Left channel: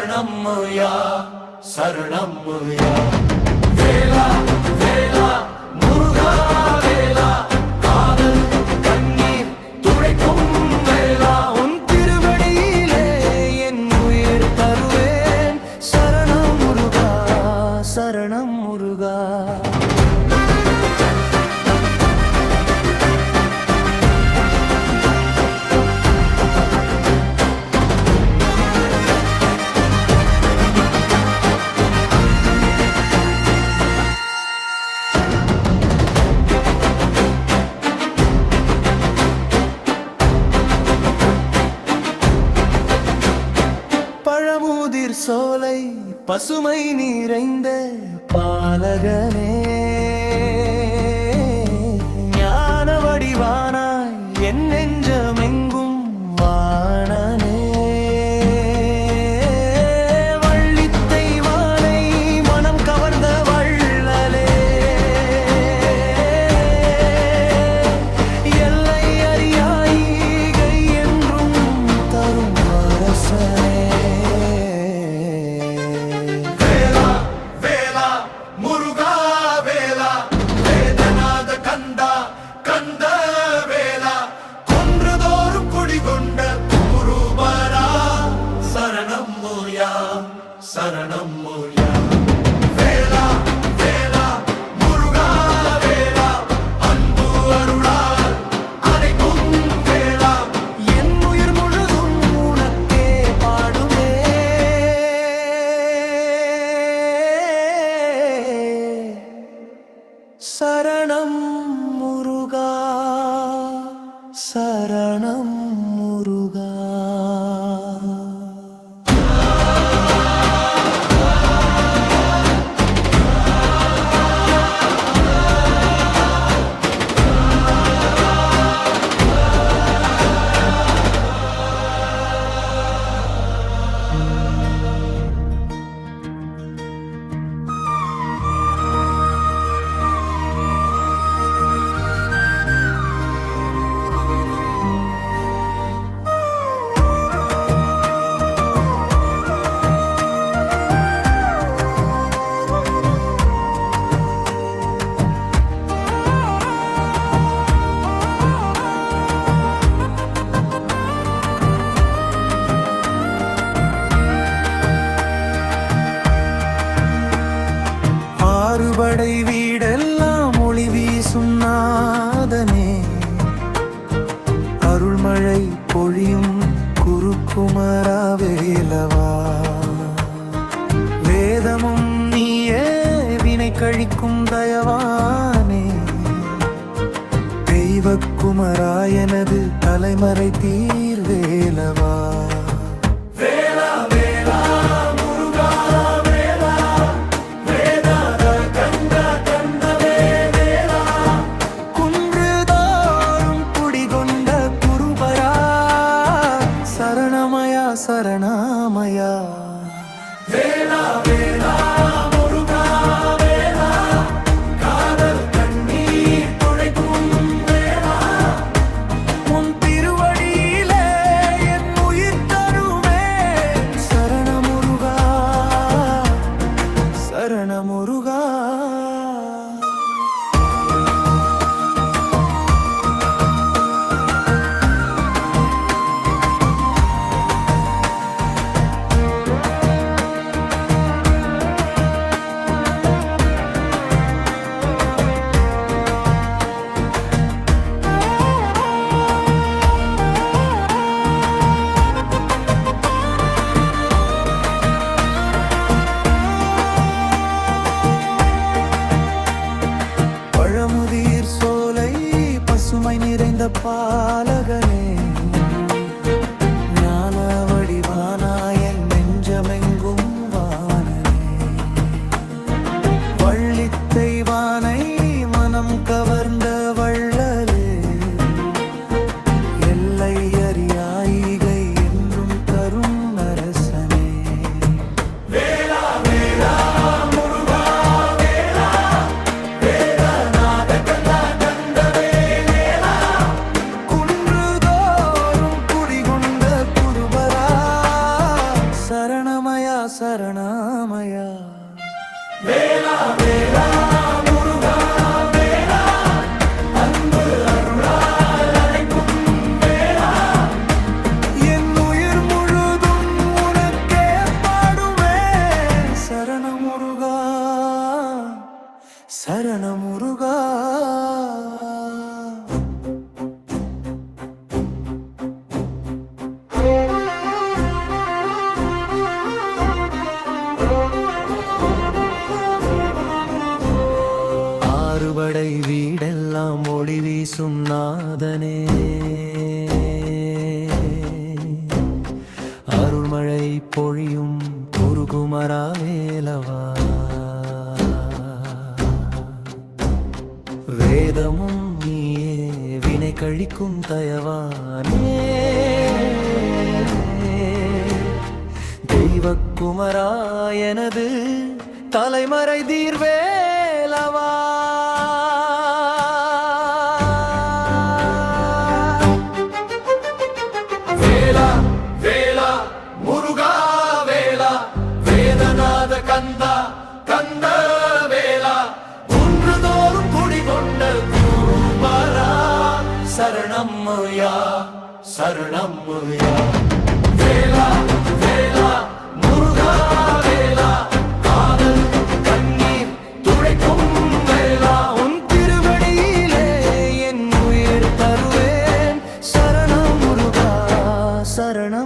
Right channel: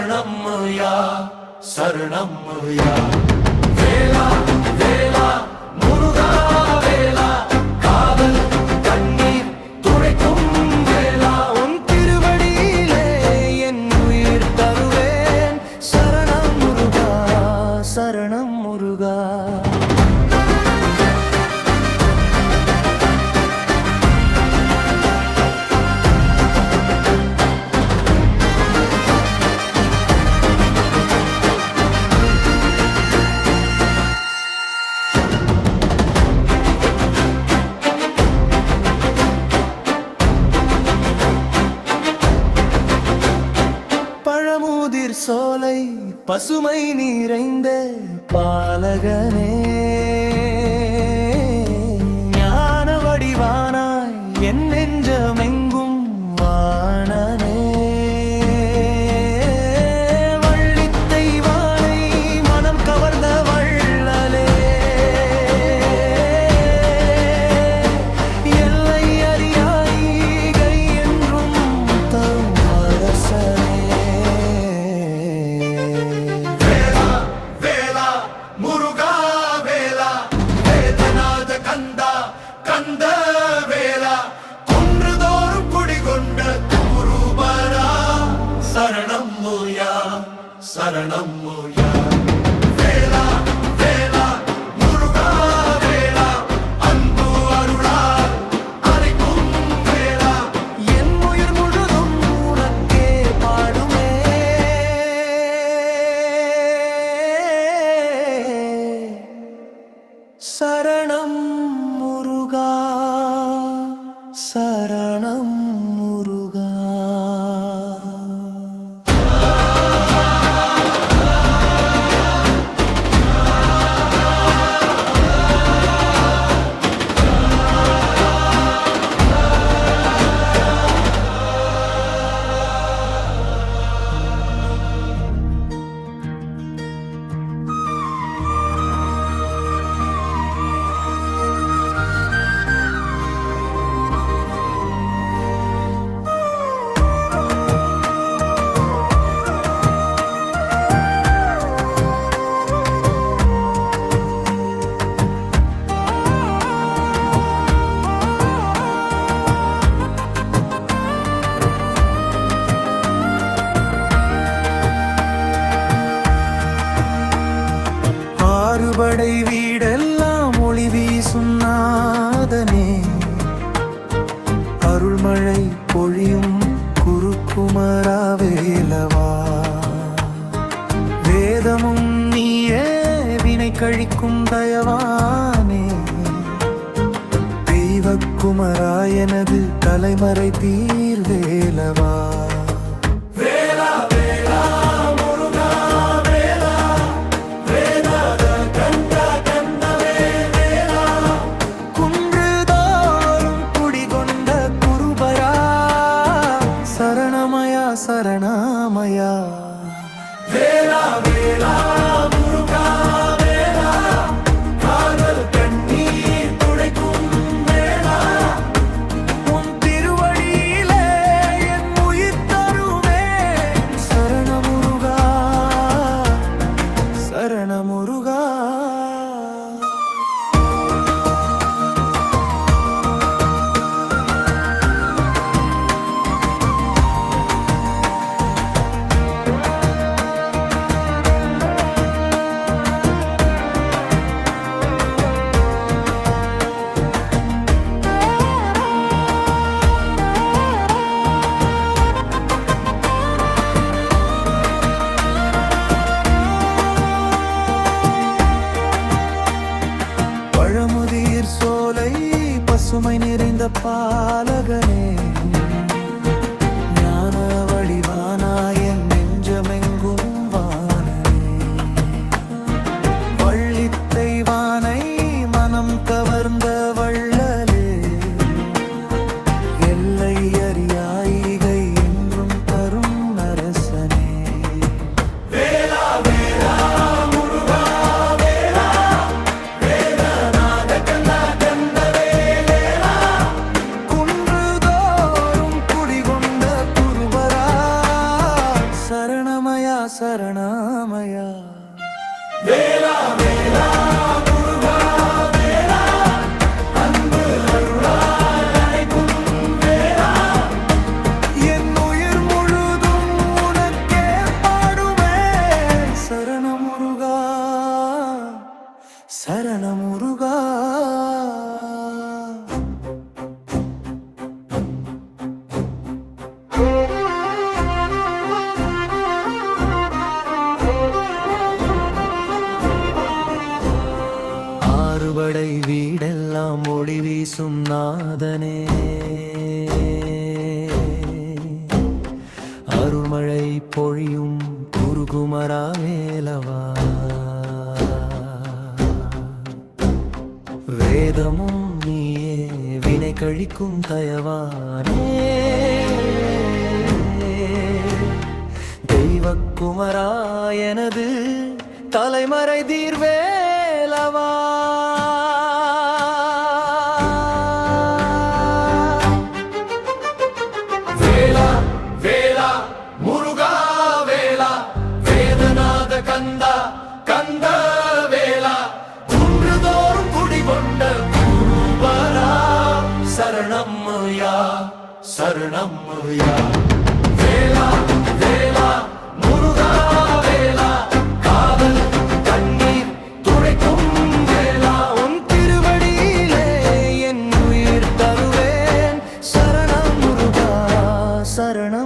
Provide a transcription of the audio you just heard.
சரணம்யா சரணம்யா வேலா வேலா முருகா. பசுமை நிறைந்த பாலகனே. ஞான வடிவானாய் என் நெஞ்சமெங்கும் சரணம் மோயா சரணம் மோயா. வேலா வேலா முருகா வேலா அன்பு அருளால் அனைக்கும் வேலா. என் உயிர் முழுதும் உனக்கே பாடுமே. சரணம் முருகா சரணம் முருகா. படை வீடெல்லாம் ஒளி வீசும் நாதனே. அருள்மழை பொழியும் குருக்குமராவேலவா. வேதமும் நீயே வினை கழிக்கும் தயவானே. தெய்வக்குமரா எனது தலைமறை தீர்வேலவா. பசுமை நிறைந்த பாலகனே ஞான வடிவானாயன் நெஞ்சமெங்கும் வானனே. வள்ளித்தை வானை மனம் கவர்ந்த வள்ளலே எல்லை அறியாயி சரணாமயா. வேலா வேலா சரணமுருகா சரணமுருகா. ஆறுபடை வீடெல்லாம் ஒளி வீசும் நாதனே. அருள்மழை பொழியும் குருகுமரா வேலவா வேதமும் நீயே வினை கழிக்கும் தயவானே. தெய்வக்குமரா எனது தலைமறை தீர்வேலவா. வேலா வேலா முருகா வேலா வேதநாத கந்தா கந்த வேலா. குன்றுதோறும் குடிகொண்ட குருபரா சரணம் யா Claro, ¿no?